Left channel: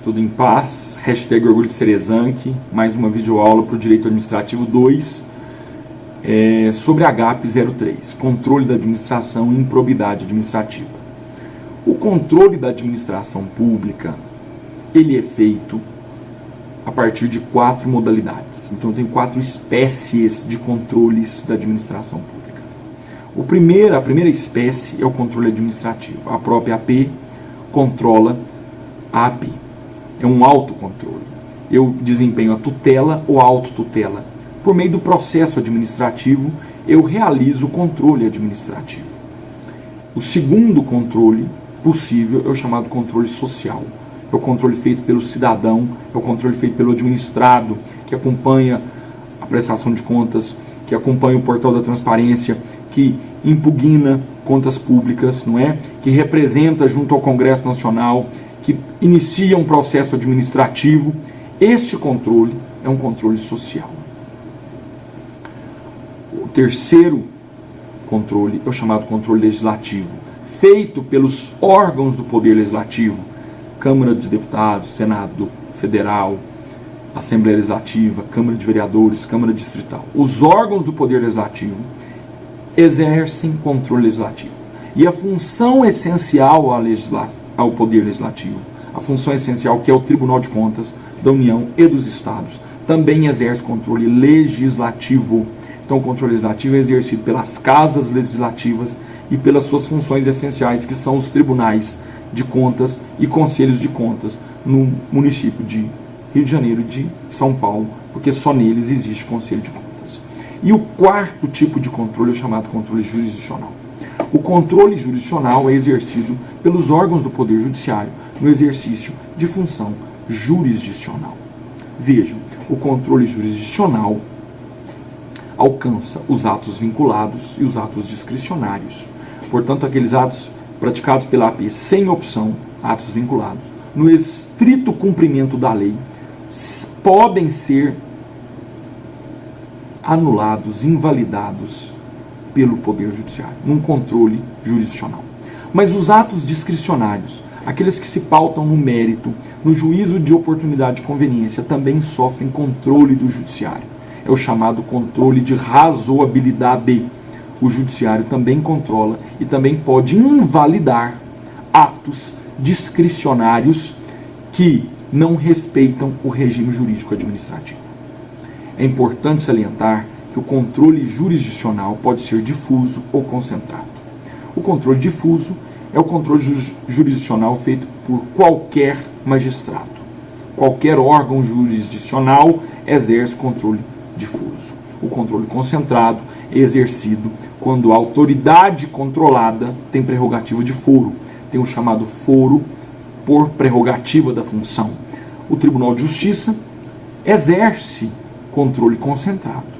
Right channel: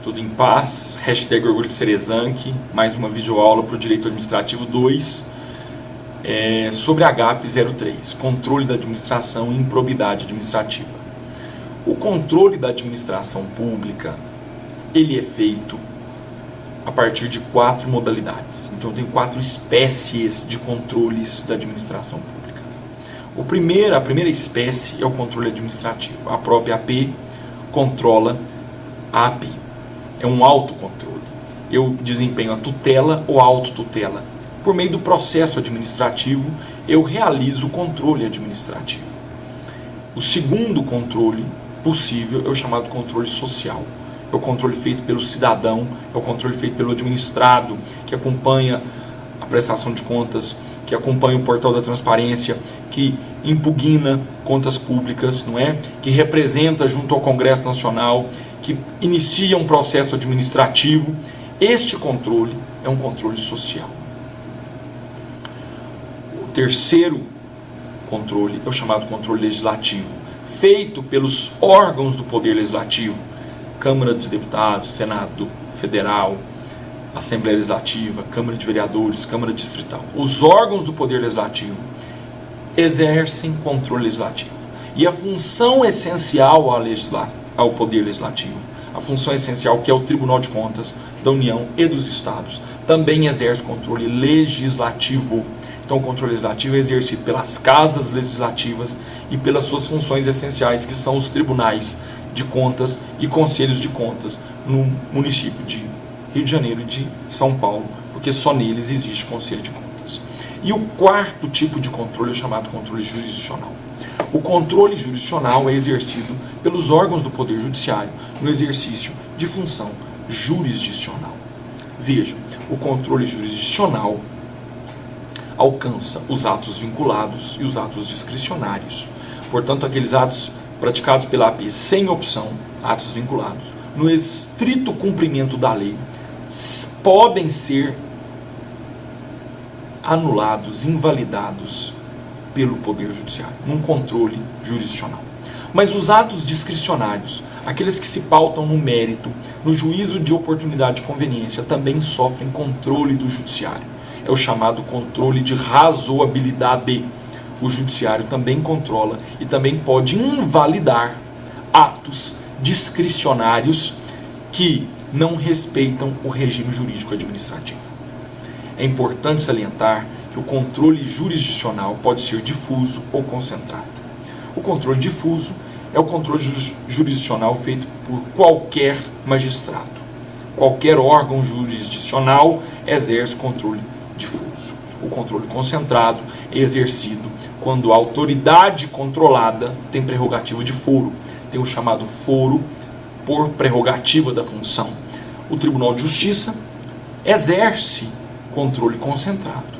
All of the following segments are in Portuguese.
Tudo em paz, hashtag orgulho de ser exanque, mais uma videoaula para o Direito Administrativo 2, sobre HAP 03, controle da administração e improbidade administrativa. O controle da administração pública, ele é feito a partir de 4 modalidades. Então tem 4 espécies de controles da administração pública. A primeira espécie é o controle administrativo. A própria AP controla a AP. É um autocontrole. Eu desempenho a tutela ou a autotutela. Por meio do processo administrativo, eu realizo o controle administrativo. O segundo controle possível é o chamado controle social. É o controle feito pelo cidadão, é o controle feito pelo administrado, que acompanha a prestação de contas, que acompanha o portal da transparência, que impugna contas públicas, não é? Que representa junto ao Congresso Nacional, que inicia um processo administrativo. Este controle é um controle social. O terceiro controle é o chamado controle legislativo, feito pelos órgãos do Poder Legislativo, Câmara dos Deputados, Senado Federal, Assembleia Legislativa, Câmara de Vereadores, Câmara Distrital. Os órgãos do Poder Legislativo exercem controle legislativo. E a função essencial ao Poder Legislativo, a função essencial que é o Tribunal de Contas da União e dos Estados, também exerce controle legislativo. Então o controle legislativo é exercido pelas casas legislativas e pelas suas funções essenciais, que são os tribunais de contas e conselhos de contas no município de Rio de Janeiro e de São Paulo, porque só neles existe conselho de contas. E o quarto tipo de controle é o chamado controle jurisdicional. O controle jurisdicional é exercido pelos órgãos do Poder Judiciário no exercício de função jurisdicional. Vejam, o controle jurisdicional alcança os atos vinculados e os atos discricionários. Portanto, aqueles atos praticados pela AP sem opção, atos vinculados, no estrito cumprimento da lei, podem ser anulados, invalidados pelo Poder Judiciário, num controle jurisdicional. Mas os atos discricionários, aqueles que se pautam no mérito, no juízo de oportunidade e conveniência, também sofrem controle do Judiciário. É o chamado controle de razoabilidade. O Judiciário também controla e também pode invalidar atos discricionários que não respeitam o regime jurídico administrativo. É importante salientar que o controle jurisdicional pode ser difuso ou concentrado. O controle difuso é o controle jurisdicional feito por qualquer magistrado. Qualquer órgão jurisdicional exerce controle difuso. O controle concentrado é exercido quando a autoridade controlada tem prerrogativa de foro. Tem o chamado foro por prerrogativa da função. O Tribunal de Justiça exerce controle concentrado.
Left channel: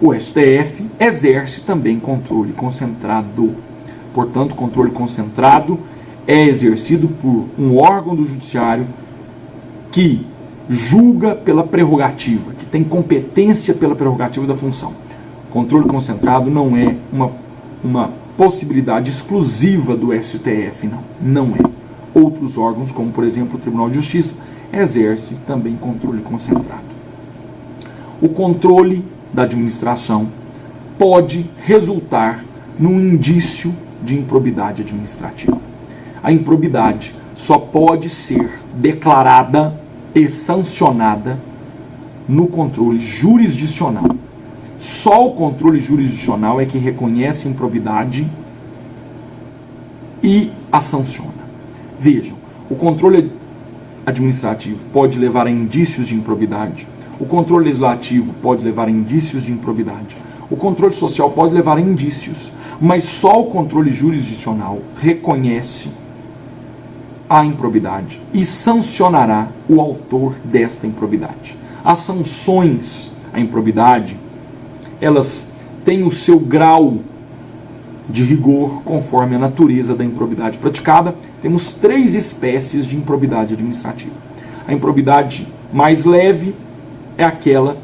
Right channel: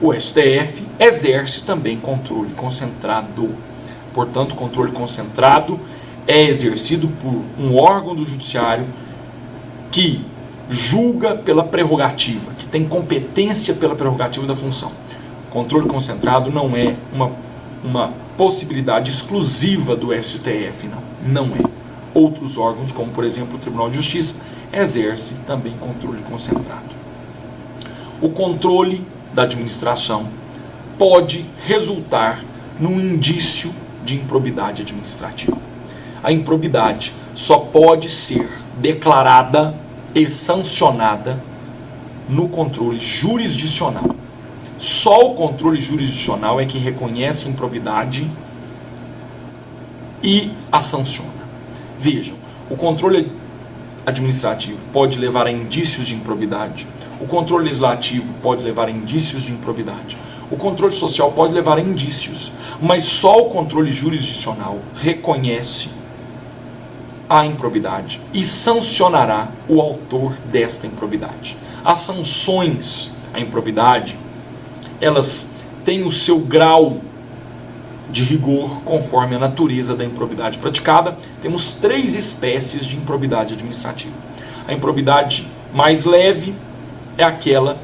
O STF exerce também controle concentrado. Portanto, controle concentrado é exercido por um órgão do Judiciário que julga pela prerrogativa, que tem competência pela prerrogativa da função. Controle concentrado não é uma possibilidade exclusiva do STF, não é. Outros órgãos, como por exemplo o Tribunal de Justiça, exerce também controle concentrado. O controle da administração pode resultar num indício de improbidade administrativa. A improbidade só pode ser declarada e sancionada no controle jurisdicional. Só o controle jurisdicional é que reconhece a improbidade e a sanciona. Vejam, o controle administrativo pode levar a indícios de improbidade, o controle legislativo pode levar a indícios de improbidade, o controle social pode levar a indícios, mas só o controle jurisdicional reconhece a improbidade e sancionará o autor desta improbidade. As sanções à improbidade, elas têm o seu grau de rigor conforme a natureza da improbidade praticada. Temos 3 espécies de improbidade administrativa. A improbidade mais leve é aquela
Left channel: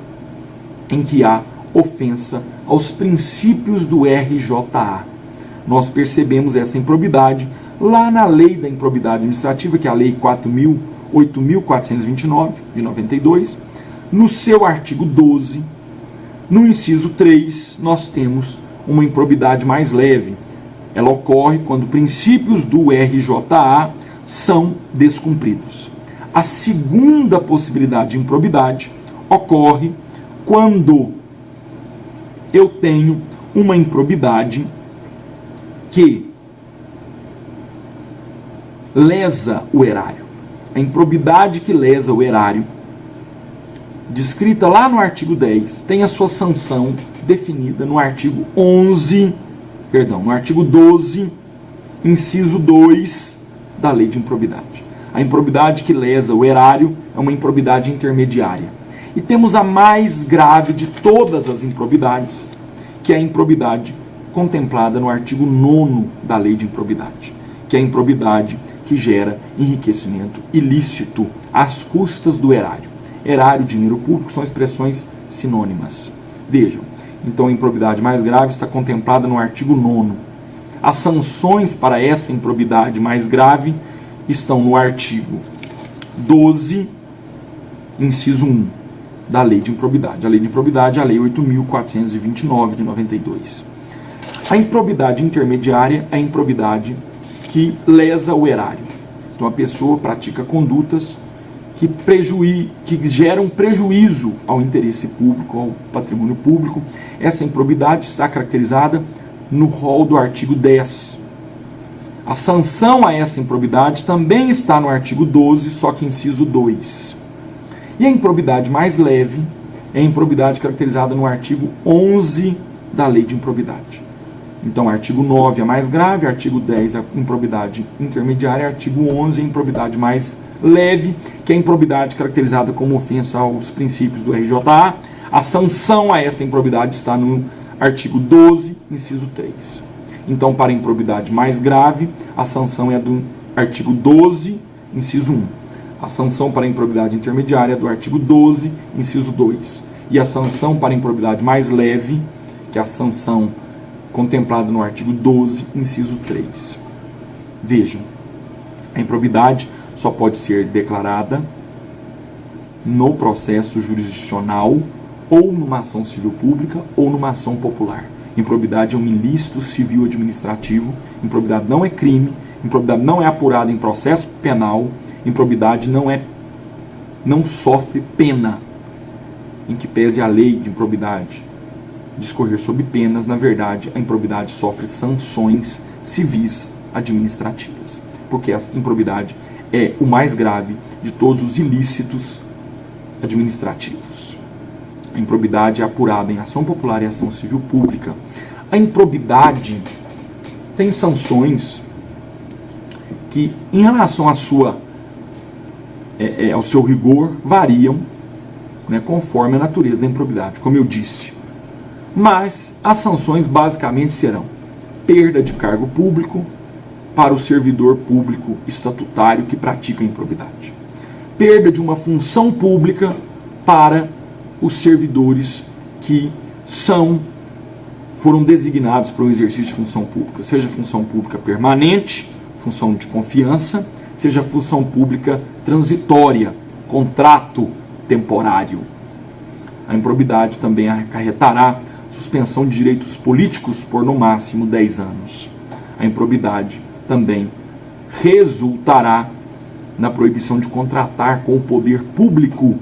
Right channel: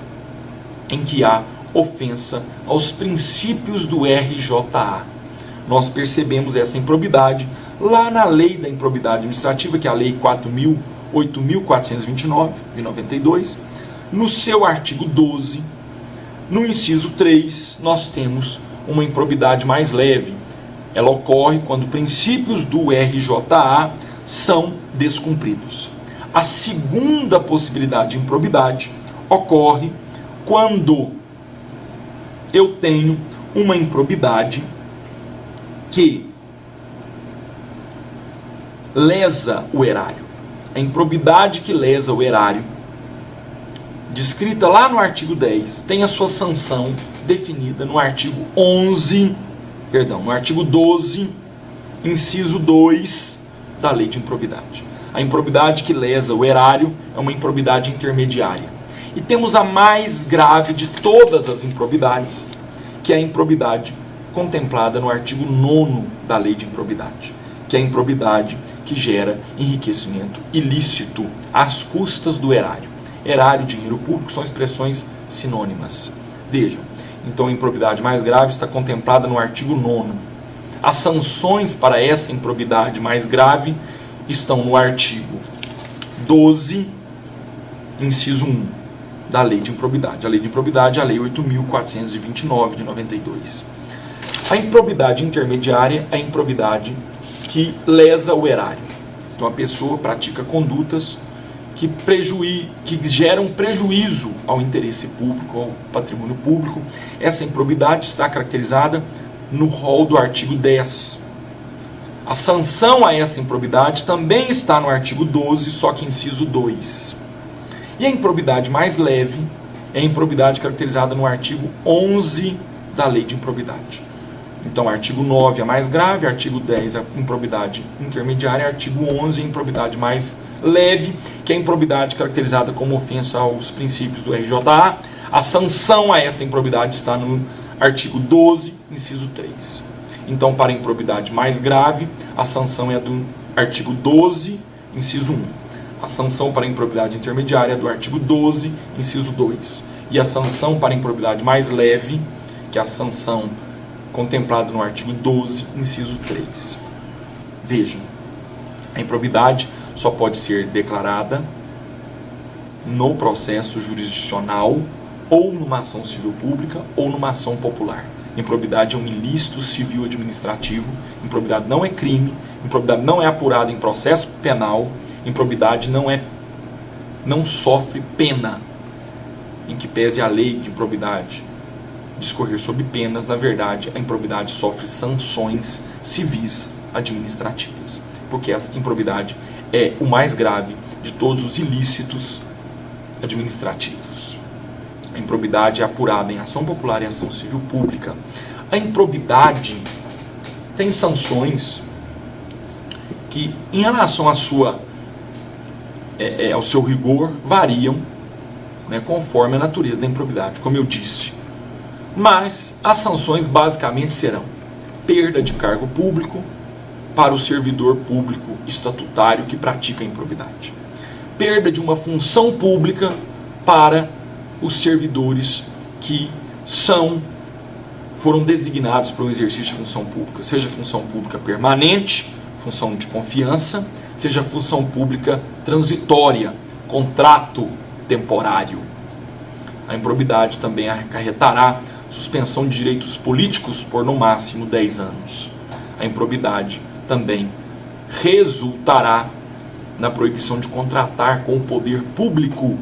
em que há ofensa aos princípios do RJA. nós percebemos essa improbidade lá na lei da improbidade administrativa, que é a lei 8.429, de 92, no seu artigo 12, no inciso 3, nós temos uma improbidade mais leve. Ela ocorre quando princípios do RJA são descumpridos. A segunda possibilidade de improbidade ocorre quando eu tenho uma improbidade que lesa o erário. A improbidade que lesa o erário, descrita lá no artigo 10, tem a sua sanção definida no artigo 12, inciso 2 da lei de improbidade. A improbidade que lesa o erário é uma improbidade intermediária. E temos a mais grave de todas as improbidades, que é a improbidade contemplada no artigo 9º da lei de improbidade, que é a improbidade que gera enriquecimento ilícito às custas do erário. Erário e dinheiro público são expressões sinônimas. Vejam, então a improbidade mais grave está contemplada no artigo 9º. As sanções para essa improbidade mais grave estão no artigo 12, inciso 1 da lei de improbidade. A lei de improbidade é a lei 8.429 de 92. A improbidade intermediária é a improbidade que lesa o erário. Então a pessoa pratica condutas que geram prejuízo ao interesse público, ao patrimônio público. Essa improbidade está caracterizada no rol do artigo 10. A sanção a essa improbidade também está no artigo 12, só que inciso 2. E a improbidade mais leve é a improbidade caracterizada no artigo 11 da lei de improbidade. Então, artigo 9 é a mais grave, artigo 10 é a improbidade intermediária, artigo 11 é a improbidade mais leve, que é a improbidade caracterizada como ofensa aos princípios do RJA. A sanção a esta improbidade está no artigo 12, inciso 3. Então, para a improbidade mais grave, a sanção é do artigo 12, inciso 1. A sanção para a improbidade intermediária é do artigo 12, inciso 2. E a sanção para a improbidade mais leve, que é a sanção contemplada no artigo 12, inciso 3. Vejam, a improbidade só pode ser declarada no processo jurisdicional ou numa ação civil pública ou numa ação popular. Improbidade é um ilícito civil administrativo, improbidade não é crime, improbidade não é apurada em processo penal, improbidade não sofre pena, em que pese a lei de improbidade discorrer sobre penas. Na verdade, a improbidade sofre sanções civis administrativas, porque a improbidade é o mais grave de todos os ilícitos administrativos. A improbidade é apurada em ação popular e ação civil pública. A improbidade tem sanções que, em relação ao seu rigor, variam, né, conforme a natureza da improbidade, como eu disse. Mas as sanções basicamente serão perda de cargo público para o servidor público estatutário que pratica a improbidade, perda de uma função pública para os servidores que foram designados para o exercício de função pública, seja função pública permanente, função de confiança, seja função pública transitória, contrato temporário. A improbidade também acarretará suspensão de direitos políticos por no máximo 10 anos. A improbidade também resultará na proibição de contratar com o poder público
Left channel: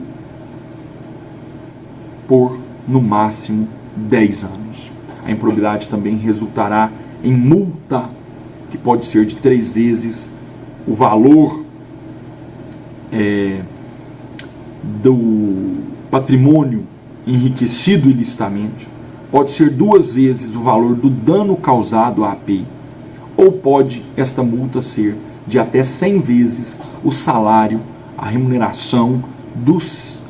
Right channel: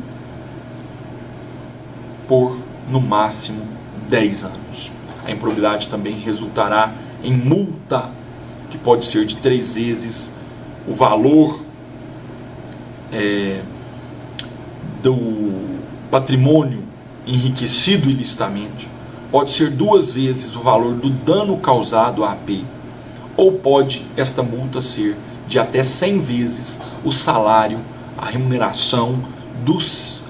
por no máximo 10 anos. A improbidade também resultará em multa, que pode ser de 3 vezes o valor do patrimônio enriquecido ilicitamente, pode ser 2 vezes o valor do dano causado à AP, ou pode esta multa ser de até 100 vezes o salário, a remuneração do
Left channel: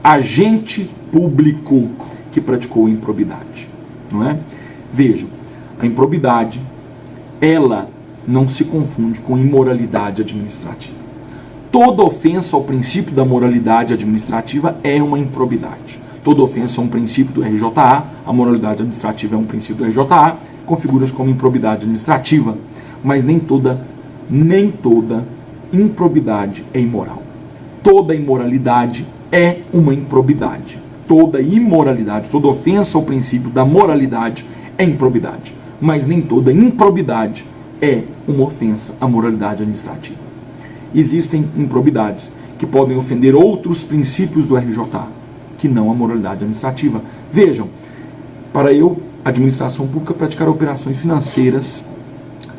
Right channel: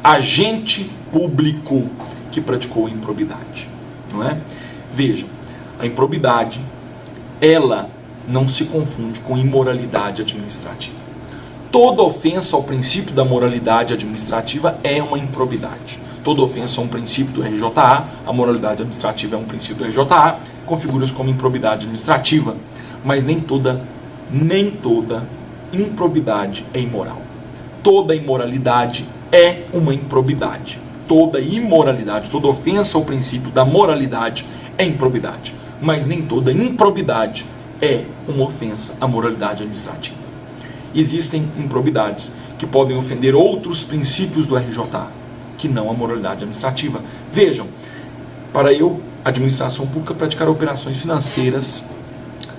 agente público que praticou a improbidade, não é? Vejam, a improbidade, ela não se confunde com imoralidade administrativa. Toda ofensa ao princípio da moralidade administrativa é uma improbidade. Toda ofensa a um princípio do RJA, a moralidade administrativa é um princípio do RJA, configura-se como improbidade administrativa, mas nem toda improbidade é imoral. Toda imoralidade é uma improbidade. Toda imoralidade, toda ofensa ao princípio da moralidade é improbidade, mas nem toda improbidade é uma ofensa à moralidade administrativa. Existem improbidades que podem ofender outros princípios do RJA, que não a moralidade administrativa. Vejam, para eu, administração pública, praticar operações financeiras,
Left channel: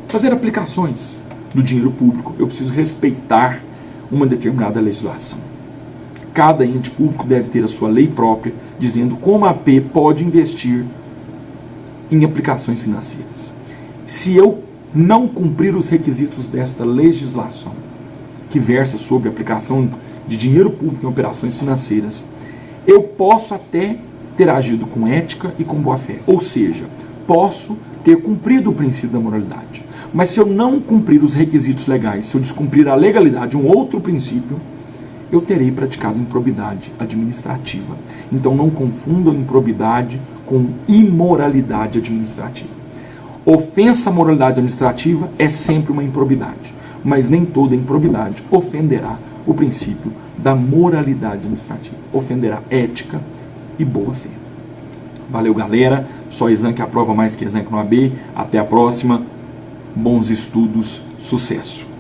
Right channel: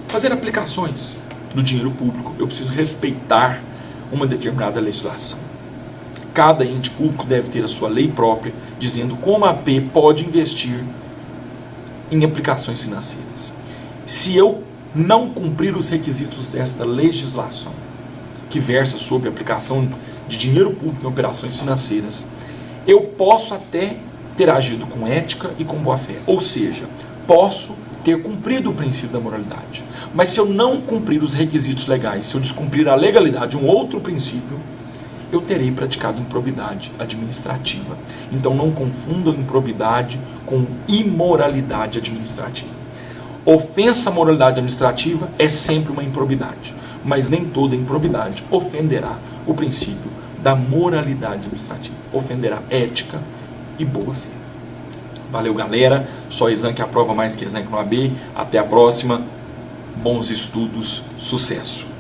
fazer aplicações do dinheiro público, eu preciso respeitar uma determinada legislação. Cada ente público deve ter a sua lei própria, dizendo como a AP pode investir em aplicações financeiras. Se eu não cumprir os requisitos desta legislação, que versa sobre a aplicação de dinheiro público em operações financeiras, eu posso até ter agido com ética e com boa-fé. Ou seja, posso ter cumprido o princípio da moralidade. Mas se eu não cumprir os requisitos legais, se eu descumprir a legalidade, um outro princípio, eu terei praticado improbidade administrativa. Então não confundam improbidade com imoralidade administrativa. Ofensa à moralidade administrativa é sempre uma improbidade, mas nem toda improbidade ofenderá o princípio da moralidade administrativa. Ofenderá ética e boa fé. Valeu, galera. Só exame que aprova mais que exame que no AB. Até a próxima. Bons estudos. Sucesso.